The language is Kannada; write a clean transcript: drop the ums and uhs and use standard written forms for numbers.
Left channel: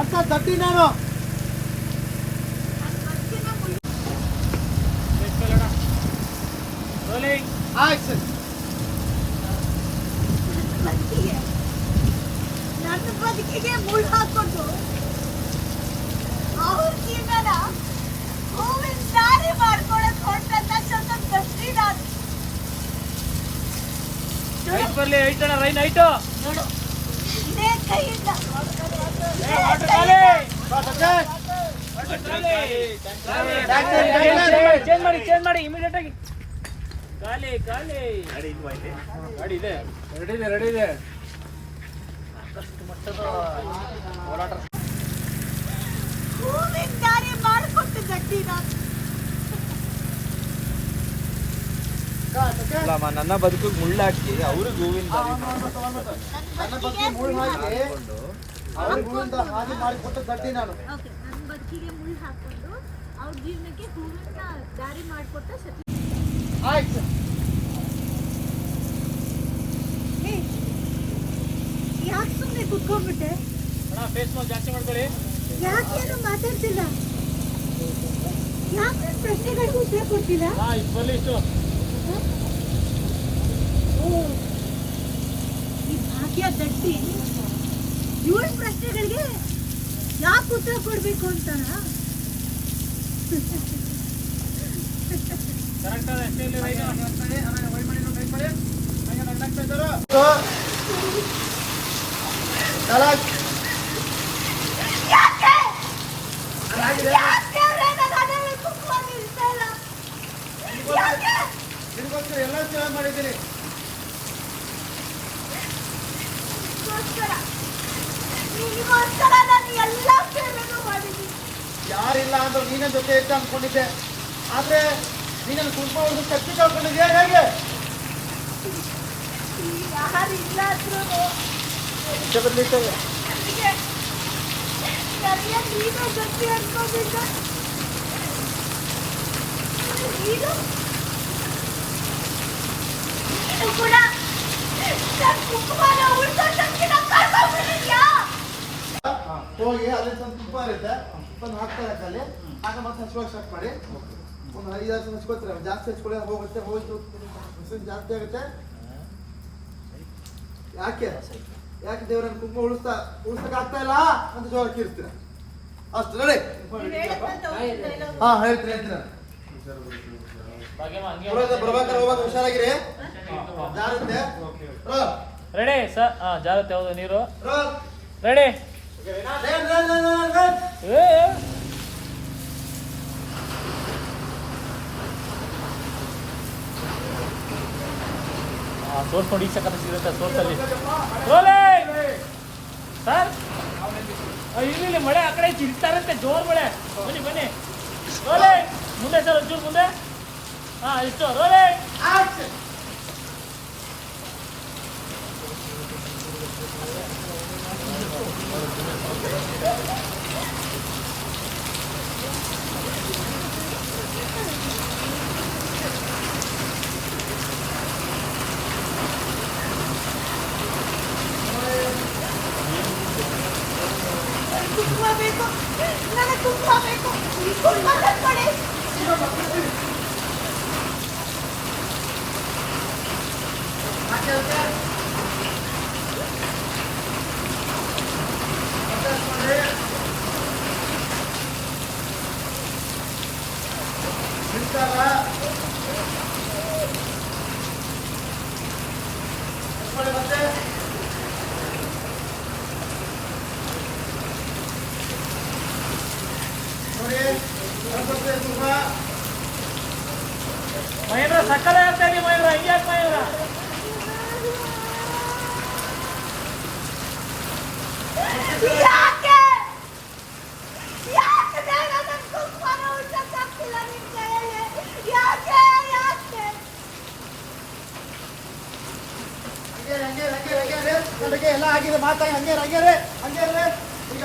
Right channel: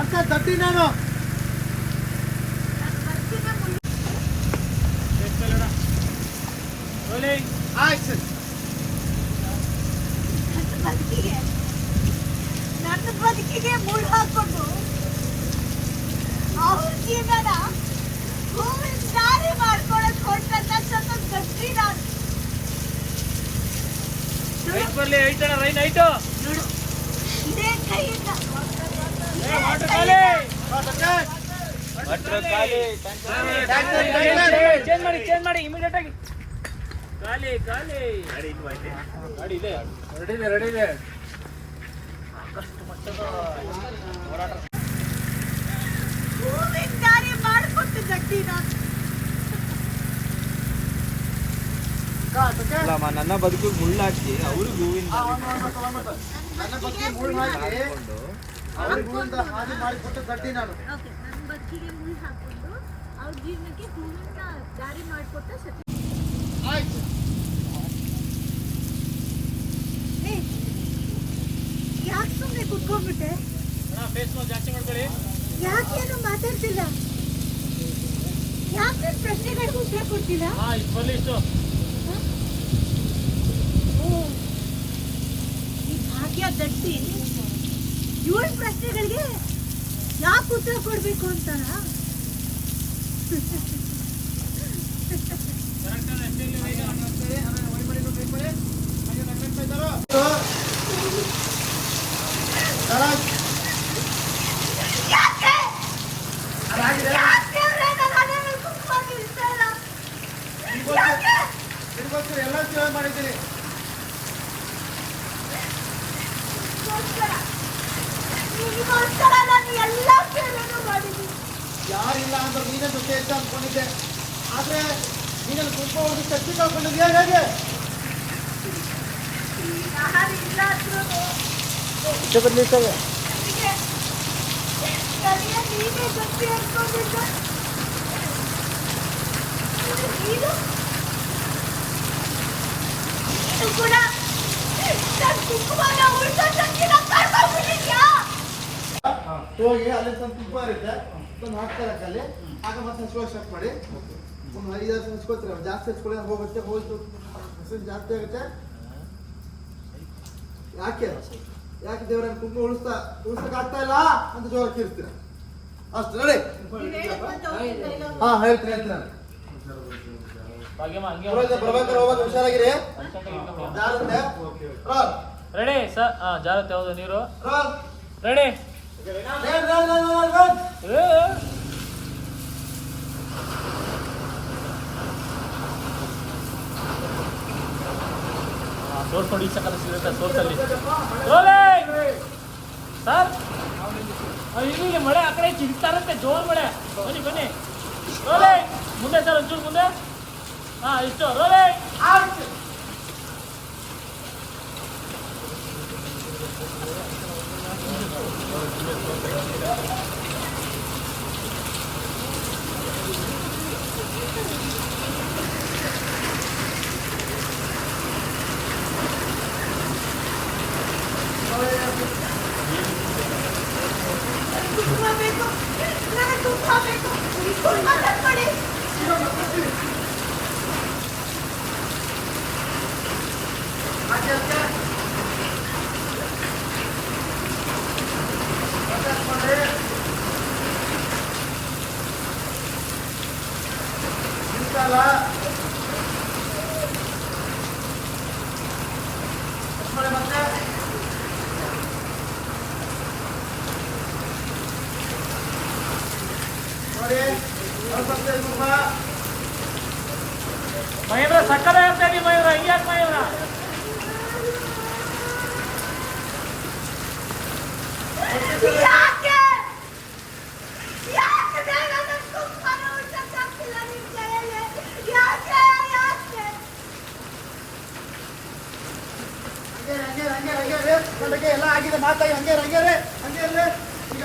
ಅಂತ ದಡ್ಡಿ ನಾನು ನನ್ನ ಬದುಕಿಗೆ ಮುಳ್ಳು ಹಾಕೊಂಡು ಅವ್ರ ಜೀವನ ಹೂವಿನ ದಾರಿ ಮಾಡ್ಕೊಳಕ್ ಹೊರಟಂತ ಗಟ್ಟಿ ನಾನು ನೋಡು ಇದೇ ಕೈಯಿಂದ ಚೇಂಜ್ ಮಾಡಿ ಇಮಿಡಿಯೇಟ್ ಆಗಿ ಗಾಲಿ ರೆಡಿ ಇದೆ ಹೂವಿನ ದಾರಿ ಮಾಡ್ಕೊಟ್ಟು ಗಟ್ಟಿ ನಾನು ನನ್ನ ಬದುಕು ಮುಳ್ಳಾಕಿ ಅವರು ಹೂವಿನ ಮಾಡಿಕೊಟ್ಟು ದಡ್ಡಿ ನಾನು. ನನ್ನ ಬದುಕಿಗೆ ಮುಳ್ಳು ಹಾಕೊಂಡು ಅವ್ರ ಜೀವನಕ್ಕೆ ಹೂವಿನ ದಾರಿ ಮಾಡಿಕೊಟ್ಟ ಸತಿ. ಆಯ್ತು ಯಾಕೆ ಸುಮ್ಮನೆ ಕುತ್ಕೊಂಡ್ಬಿಟ್ಟೆ? ಜಾಸ್ತಿ ಮಾಡ್ಕೊಳ್ಳಿ. ಯಾಕೇನು ಮಾತಾಡ್ತಿಲ್ಲ? ಯಾಕೆ ಪ್ರಶ್ನೆಗಳಿಗೂ ಉತ್ತರ ಕೊಡ್ತಿಲ್ಲ? ಈ ಭಾಗ್ಯ ದಡ್ಡಿ ಇವಳ ಪ್ರಶ್ನೆಗಳಿಗೆ ಯಾಕೆ ಉತ್ತರ ಕೊಡ್ಬೇಕು ಅಂತಾನ? ಎಲ್ಲ ಚೆನ್ನಾಗಿ ಮಾಡಿದ್ದೀನಿ. ಯಾರಿಲ್ಲ ಅಂದ್ರೆ ನೀನೇ ಜೊತೆ ಇರ್ತ ಅನ್ಕೊಂಡಿದ್ದೆ. ಆದ್ರೆ ನೀನು ಸ್ವಲ್ಪ ಒಂದು ಕಟ್ಟಿ ಕಳ್ಕೊಂಡಿದ್ಯಾ ಹೇಗೆ? ಯಾರಿಲ್ಲ ಅಂದ್ರೂ ನೀನೇ ಗಟ್ಟಿ ಅನ್ಕೊಂಡಿದ್ದ. ನೀನು ಕೂಡ ನನ್ನ ಕುಂಕುಮನ ಉಳ್ಸೋದಕ್ಕೆ ಕರ್ಕೊಂಡ್ಬಿಟ್ಟಿದ್ಯಾ? ಹೋಗಿ ಅಲ್ಲಿ ಸ್ವಲ್ಪ ತುಪ್ಪ ಇರುತ್ತೆ, ತುಪ್ಪನ ಹಾಕ್ತಾರೆ ಅಲ್ಲಿ, ಆಗ ಮತ್ತೆ ಹಚ್ಕೊಳ್ಳಿ ಸ್ಟಾರ್ಟ್ ಮಾಡಿ. ಒಂದು 5-6 ಹಚ್ಕೋತೀರ, ಜಾಸ್ತಿ ಹಚ್ಕೊಳ್ಳಿ ಹೋಗುತ್ತೆ, ಹೋಯ್ತು ಮೆಸೇಜ್ ಜಾಸ್ತಿ ಆಗುತ್ತೆ. ಯಾಕೆ ದೇವರ ಕುಂಕುಮ ಉಳಿಸಕ್ ಆಗ್ತಾ ಇಲ್ಲ ಅಂತ ಜೋರ ಕಿರ್ತೀರ ಅಷ್ಟು ರೆಡಿ. ಹಾ ಹೇಳ್ತೀನಿ ಬರ್ಬೇಕಾದ್ರೆ ಹೋಗ್ಬೇಕು, ಹುಷಾರಾಗಿರಿ. Ready sir. ಜಾರತ್ತೆ ಯಾವುದು ನೀರು ರೆಡಿ. ತೋರ್ಸ್ಕೊಂಡು ಈಚೆ ಕಲಿಸಿರುತ್ತೆ ತೋರ್ಸಲ್ಲಿ ಸರ್. ಇಲ್ಲಿ ಮಳೆ ಆ ಕಡೆ ಚಿಡ್ತಾರಂತೆ, ಜೋರ್ ಮಳೆ. ಬನ್ನಿ ರೋಲೆ ಮುಂದೆ ಸರ್, ಒಂಚೂರು ಮುಂದೆ. ಇಷ್ಟು ರೋಲೆ. ಬೇಕು, ನನಗೆ ಕುಂಕುಮ ಬೇಕು. ಕುಂಕುಮ ತಕ್ಕೊಳ್ಳಿ. ಮಯೂರ ಸಕ್ಕರೆ ಅಂತೇಳಿ ಮಯೂರ ಹಿಂಗ್ಯಾಕೆ ಮಯೂರ? ಎಲ್ಲ ಆಗಿದೆ ಮಾತಾಗಿ ಹಂಗೆ ಈಗ